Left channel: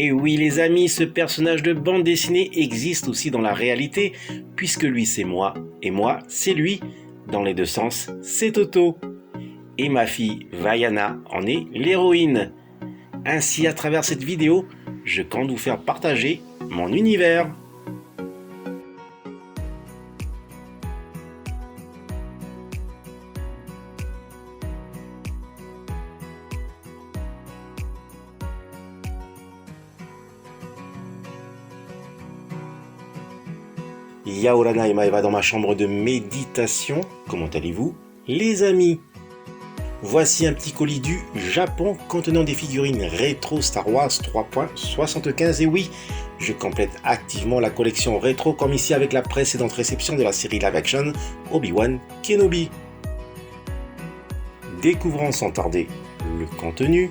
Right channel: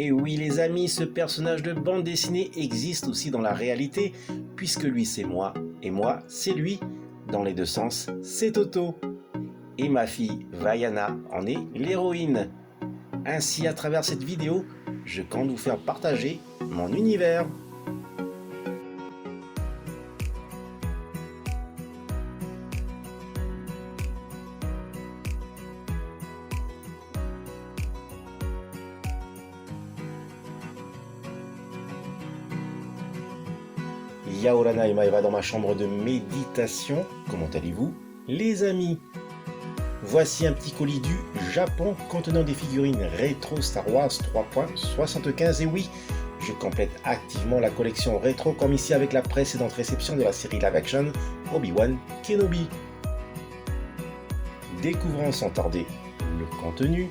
Et oui les amis, ce personnage de bande dessinée existe aussi dans la réalité, puisque lui c'est moi, et moi c'est lui. Dans les deux sens, c'est Toto. Et ma fille Vaiana en est l'héroïne. Ainsi, à travers cette vidéo, je compte vous faire partager mon univers. Yaorana et Maeva dans ma chambre de méditation. Comment allez-vous, les amis? Voici un petit colis du Japon contenant des figurines rétro Star Wars 3.75. Et oui, je complète activement la collection rétro comme ici avec la précédente réception de la série live action Obi-Wan Kenobi. Découvrons sans tarder le contenu.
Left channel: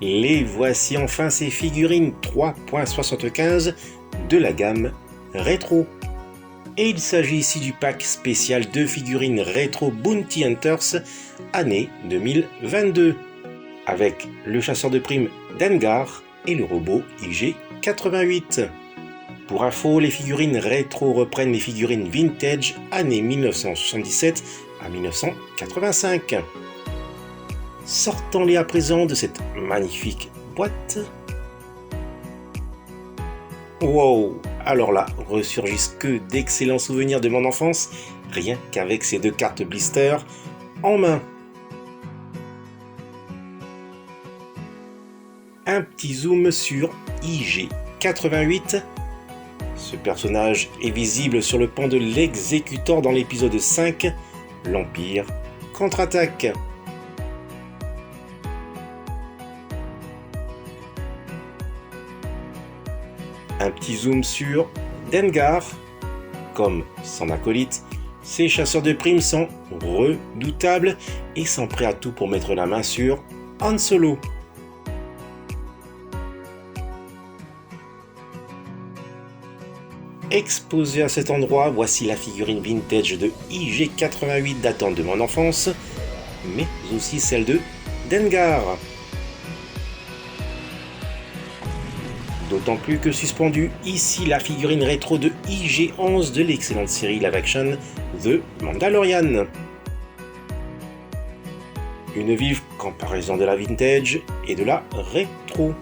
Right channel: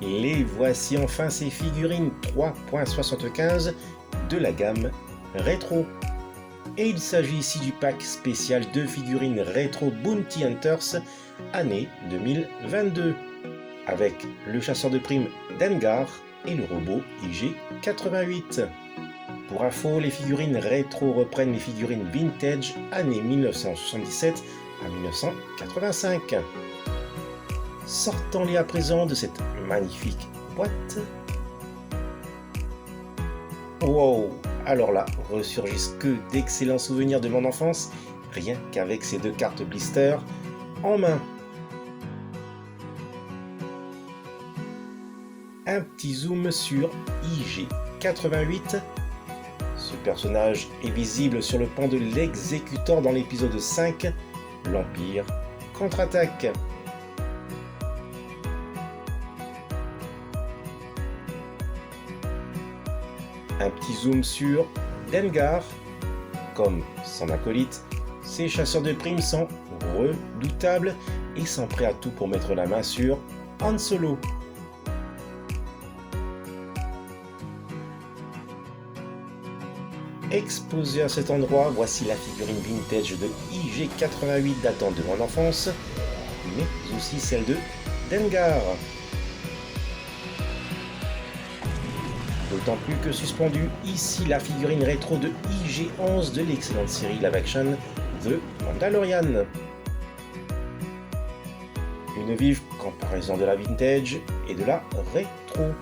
Les voici enfin ces figurines 3.75 de la gamme rétro. Et il s'agit ici du pack spécial de figurines rétro Bounty Hunters année 2022 avec le chasseur de primes Dengar et le robot IG-88. Pour info, les figurines rétro reprennent les figurines vintage années 1977 à 1985. Sortons-les à présent de cette magnifique boîte. Wow! Alors là, ressurgissent que d'excellents souvenirs de mon enfance, rien qu'avec ces deux cartes blister en main. Un petit zoom sur IG-88. Ce personnage est visible sur le pont de l'exécutor dans l'épisode 5, l'Empire contre-attaque. Un petit zoom sur Dengar. Comme son acolyte, ces chasseurs de primes sont redoutables et sont prêts à tout pour mettre la main sur Han Solo. Exposée à cet endroit, voici la figurine vintage de IG-88 datant de mon enfance, mais aussi celle de Dengar. D'autant plus que suspendue ici la figurine rétro de IG-11 de l'excellente série live action The Mandalorian. Une vive comparaison de la vintage et de la rétro.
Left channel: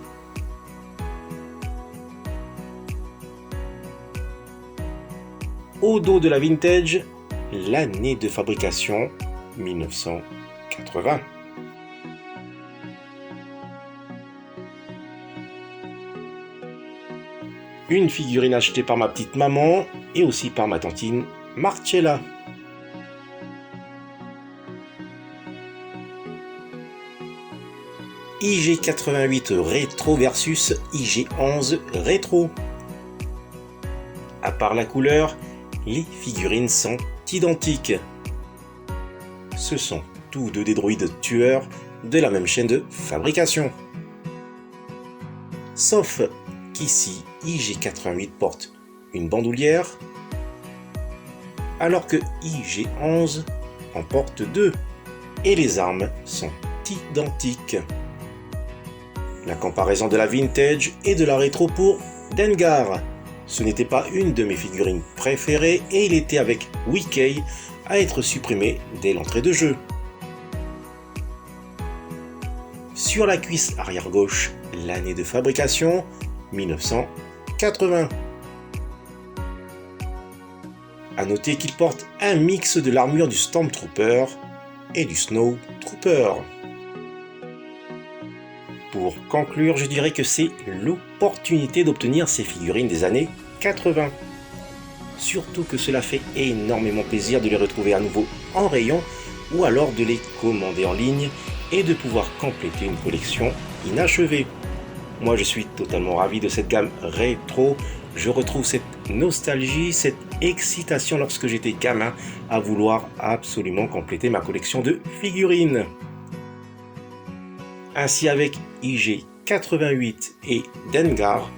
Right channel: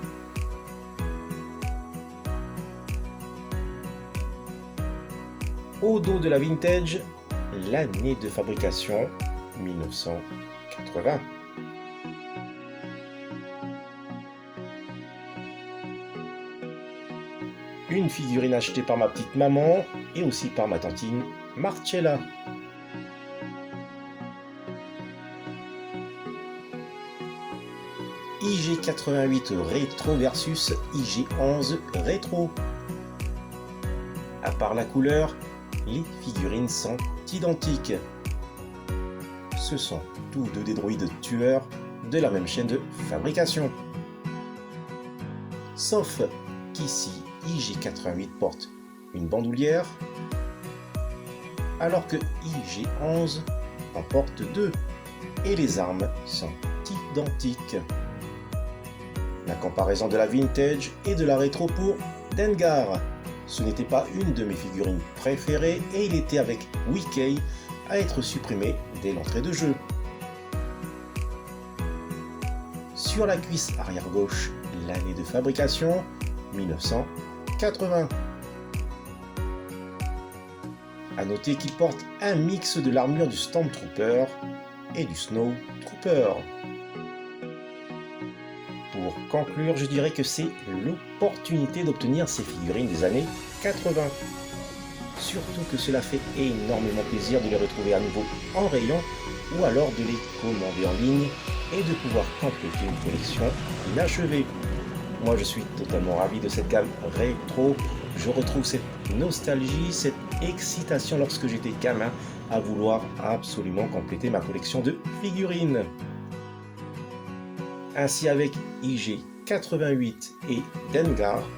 Au dos de la vintage, l'année de fabrication 1980. Une figurine achetée par ma petite maman et aussi par ma tantine Marcella. IG-88 rétro versus IG-11 rétro. À part la couleur, les figurines sont identiques. Ce sont tous deux des droïdes tueurs de la même chaîne de fabrication. Sauf qu'ici, IG-88 porte une bandoulière, alors que IG-11 en porte deux, et les armes sont identiques. La comparaison de la vintage et de la rétro pour Dengar. Ce n'était pas une de mes figurines préférées et il était avec Wee-Kay à être supprimé dès l'entrée de jeu. Sur la cuisse arrière gauche, l'année de fabrication 1980. A noter qu'il porte un mix de l'armure du Stormtrooper et du Snowtrooper. Pour conclure, je dirais que c'est l'opportunité d'obtenir ces figurines des années 80. Surtout que cela fait énormément plaisir de les retrouver à nouveau en rayon ou alors de les commander en ligne et de pouvoir compléter une collection inachevée. Moi je suis totalement ravi de cette gamme rétro, je retrouve cette nostalgie, cette excitation lorsque j'étais gamin à vouloir absolument compléter ma collection de figurines. Ainsi avec IG-88 et Dengar,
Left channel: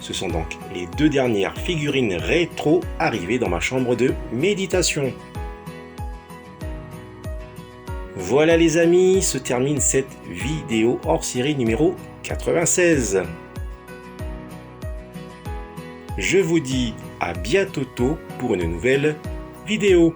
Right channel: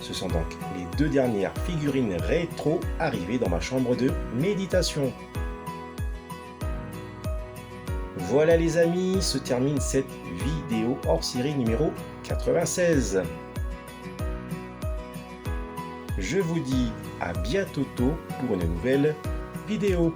ce sont donc les deux dernières figurines rétro arrivées dans ma chambre de méditation. Voilà les amis, se termine cette vidéo hors série numéro 96. Je vous dis à bientôt pour une nouvelle vidéo.